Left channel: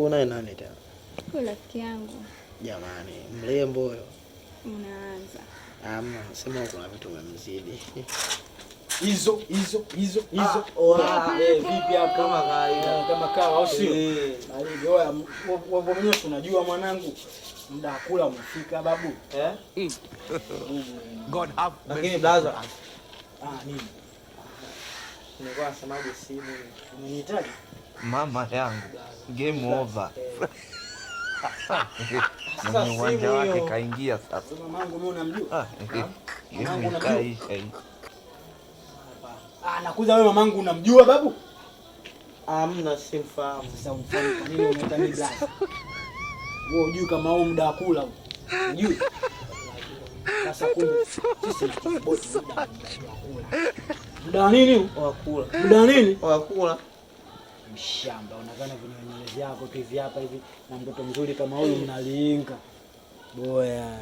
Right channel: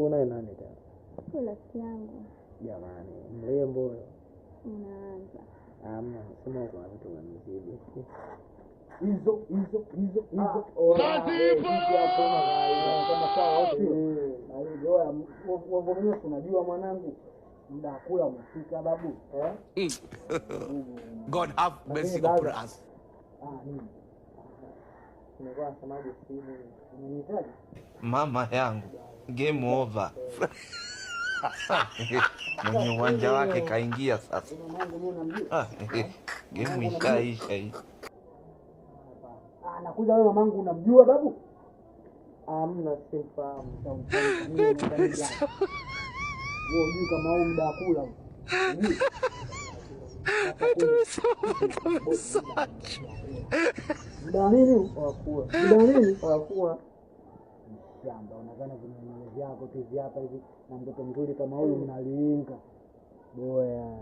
Una nani tena? Kwa rafiki yangu. Jamani, mrembo huyo. Unaanza. Sema kuna vitu umemzidi. Hizo. Vipi Kama kawa au sio? Oya, wewe mwenyewe unajua mwanangu. Muda kula umefika babu. God have mercy upon us. Nini? Nilikuwa nasemaje simu? Umenihitaji? Mama yangu, game over. Mwenye uwanja wake kaingia sasa. Mamangu mimi unamjua? Game ikaisha hii. Nakuza wewe mamangu unamjua babu? Hamna, simfahamu. Sasa wewe unajua kama huo muda kula. Unajua? Muda nini? Wakula. Muda nini? Wakula. Mshamba unadhani vinywele vyako tu hivi hapa hivi na mtoto mzuri kama huyu mnalinga. Boya.